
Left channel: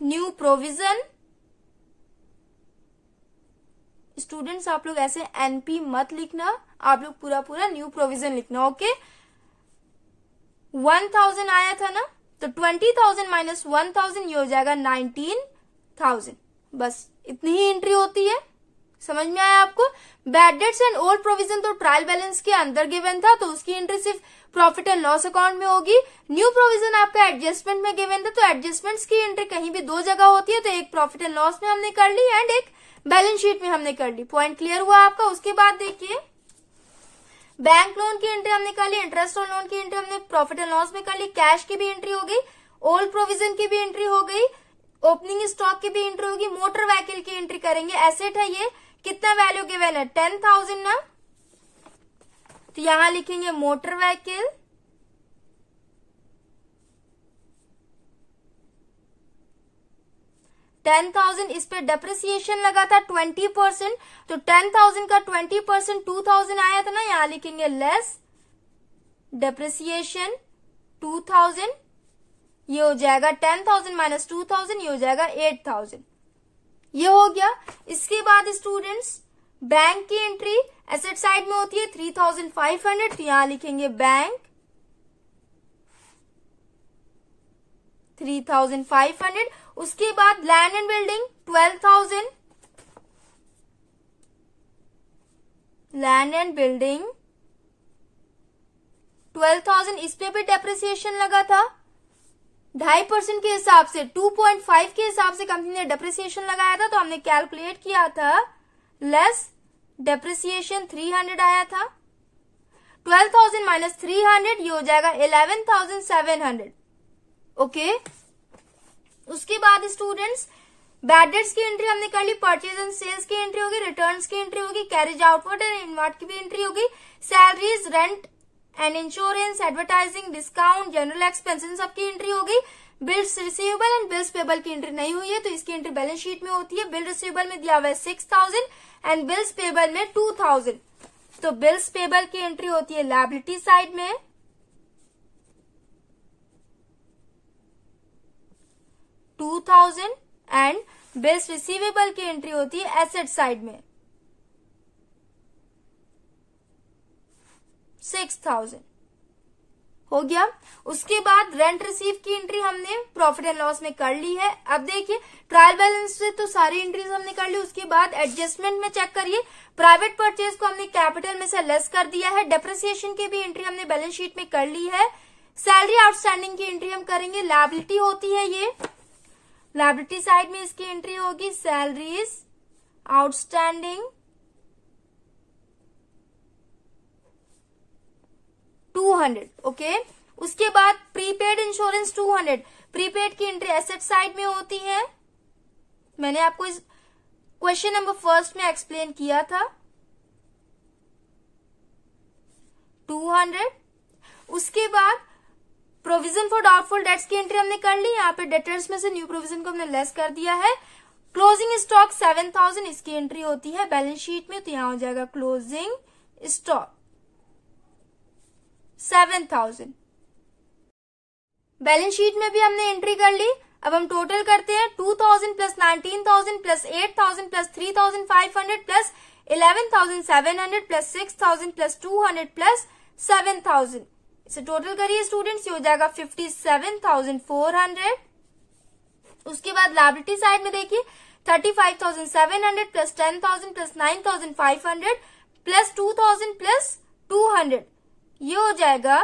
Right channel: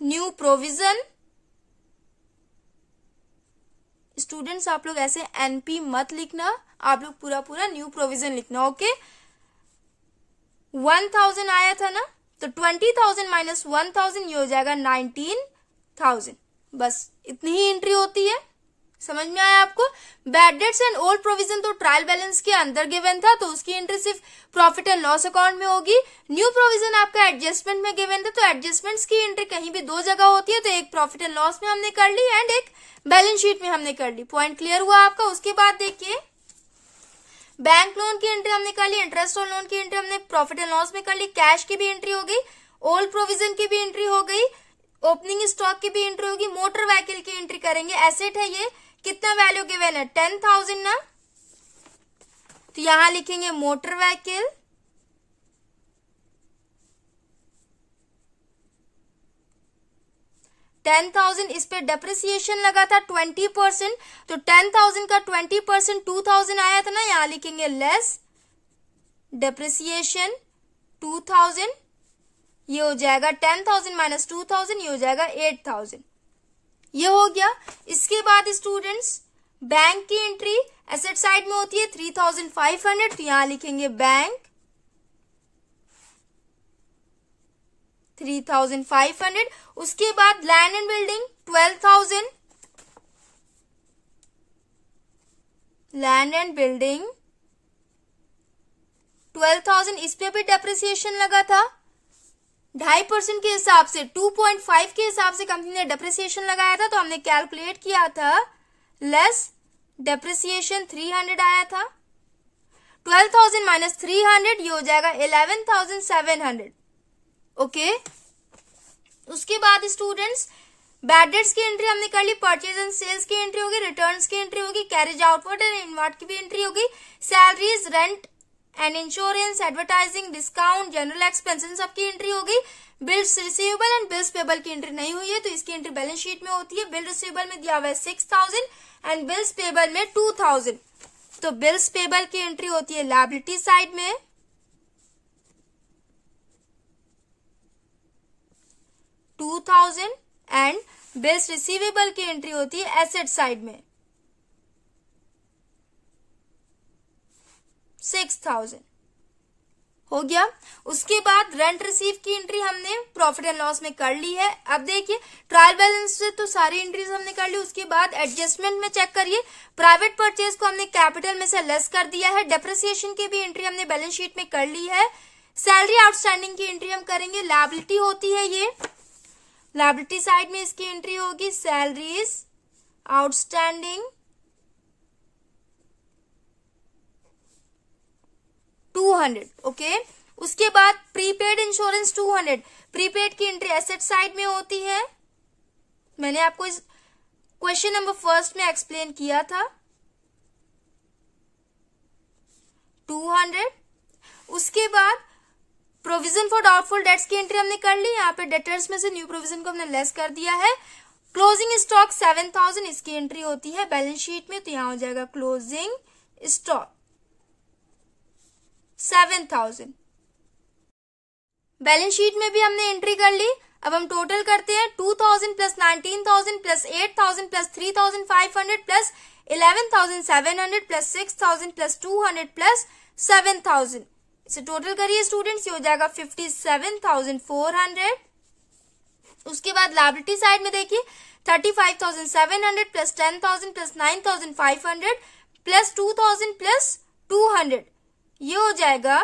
न्यू प्रोविजन। स्टूडेंट्स आप लोग ऐसे एनपी मत लिखना, आप लोग पूरा पूरा न्यू प्रोविजन लिखना। ओके, 1,000 आया था ना, तो 20,000 माइनस 1,000 ये हो जाएगा 19,000। बस इतनी ही एंट्री होती है। समझ में आया आपको। Bad debts and old provision तो ट्रायल बैलेंस के अंदर गिवन था, तो उसकी एंट्री सिर्फ प्रॉफिट एंड लॉस अकाउंट में होगी। न्यू प्रोविजन आपका एडजस्टमेंट में गिवन था, तो एडजस्टमेंट्स की एंट्री कहीं भी दो जगह होती है, तो एक प्रॉफिट एंड लॉस में हमने कर ली एंड एक बैलेंस शीट में हमने कर ली। पॉइंट क्लियर हुआ आपका। उसके बाद देखिए बैंक लोन की एंट्री हमने कर ली, इंटरेस्ट ऑन लोन की एंट्री हमने प्रॉफिट एंड लॉस में कर ली, कैश की भी एंट्री हो गई, ओल्ड प्रोविजन की भी एंट्री हो गई, ओपनिंग स्टॉक की भी एंट्री होगी, मोटर व्हीकल की एंट्री करेंगे। एसेट है ये, कितना वैल्यू गिवन है 10,000 ना, तो यहां लिखेंगे मोटर व्हीकल 10,000। इस पे डेप्रिसिएशन लगा था 20%, तो 10,000 का 20% 2,000 आया था ना, यहां लिखेंगे लेस डेप्रिसिएशन 2,000, ये हो जाएगा 10,000 माइनस 2,000, ये हो जाएगा 8,000, ये हो गया। इसके बाद स्टूडेंट्स बैंक की एंट्री एसेट साइड में होती है 3,500, तो यहां लिखेंगे बैंक 3,500। उसके बाद land and building 12,000, land and building 12,000। इस पे भी डेप्रिसिएशन लगा था 2.5% के हिसाब से, 2.5 के हिसाब से कंपनी ने डेप्रिसिएशन लगाया था, तो हमने कैलकुलेट किया था लेस डेप्रिसिएशन 300 आया था। 12,000 माइनस 300 ये हो जाएगा 11,700। ओके, उसके बाद स्टूडेंट्स बैड डेट्स की एंट्री हमने कर ली, परचेज एंड सेल्स की एंट्री होगी, रिटर्न्स की एंट्री होगी, कैरेज आउटवर्ड एंड इनवर्ड की भी एंट्री होगी, salaries, rent and insurance, advertising, discount, general expenses सबकी एंट्री होगी। Bills receivable and bills payable की एंट्री नहीं हुई है, तो इसकी एंट्री बैलेंस शीट में होती है। बिल रिसीवेबल में दिया हुआ है 6,000 एंड बिल्स पेबल में 2,000, तो बिल्स पेबल की एंट्री होती है लायबिलिटी साइड में, 2,000 एंड बिल्स रिसीवेबल की एंट्री होती है एसेट साइड में 6,000। हो गया। उसके बाद रेंट रिसीव की एंट्री हमने प्रॉफिट एंड लॉस में कर ली है। अब देखिए ट्रायल बैलेंस से तो सारी एंट्रीज हमने कर ली। उसके बाद एडजस्टमेंट में चेक करिए, प्राइवेट परचेज को हमने कैपिटल में से लेस कर दिया है, डेप्रिसिएशन की भी एंट्री हमने बैलेंस शीट में कर ली है, सैलरी आउटस्टैंडिंग की एंट्री हम करेंगे, लायबिलिटी होती है ये, लायबिलिटी साइड में इसकी एंट्री होगी सैलरीज आउटस्टैंडिंग, 200, ओके। उसके बाद प्रीपेड इंश्योरेंस 200, प्रीपेड की एंट्री एसेट साइड में होती है, मैंने आपको इस क्वेश्चन नंबर फर्स्ट में एक्सप्लेन किया था। 200। उसके बाद प्रोविजन फॉर डाउटफुल डेट्स की एंट्री हमने कर ली, यहाँ पे डेटर्स में से न्यू प्रोविजन को हमने लेस कर दिया है। क्लोजिंग स्टॉक 7000, इसकी एंट्री होती है बैलेंस शीट में, तो यहां हो जाएगा क्लोजिंग स्टॉक 7000। बैलेंस शीट में भी हमने एंट्री कर ली। अब हम टोटल करते हैं, 2000 plus 19000 plus 8000 plus 3500 plus 11700 plus 6000 plus 200 plus 7000, इसे टोटल करिए स्टूडेंट्स, ये हो जाएगा 57400। उसके बाद लायबिलिटी साइड में देखिए 35700 प्लस 10000 प्लस 9500 प्लस 2000 प्लस 200, ये हो जाएगा,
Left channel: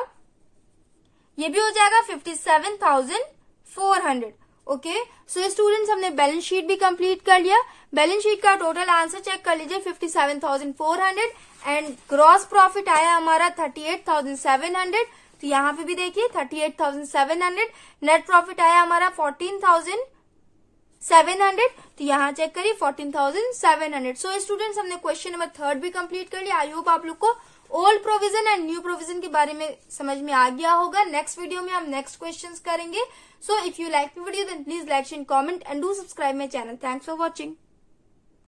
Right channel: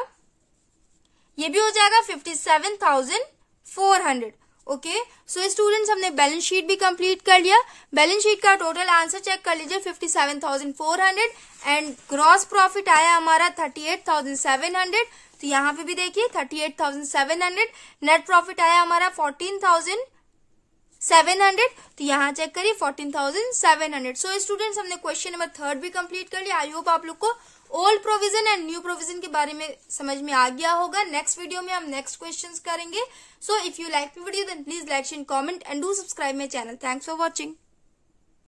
ये भी हो जाएगा 57400, ओके। सो स्टूडेंट्स हमने बैलेंस शीट भी कंप्लीट कर लिया। बैलेंस शीट का टोटल आंसर चेक कर लीजिए 57400 एंड ग्रॉस प्रॉफिट आया हमारा 38700, तो यहाँ पे भी देखिए 38700। नेट प्रॉफिट आया हमारा 14700, तो यहाँ चेक करिए 14700। सो स्टूडेंट्स हमने क्वेश्चन नंबर 3 भी कंप्लीट कर लिया। आई होप आप लोग को old provision and new provision के बारे में समझ में आ गया होगा। नेक्स्ट वीडियो में हम नेक्स्ट क्वेश्चंस करेंगे। So if you like the video then please like share comment and do subscribe my channel. Thanks for watching.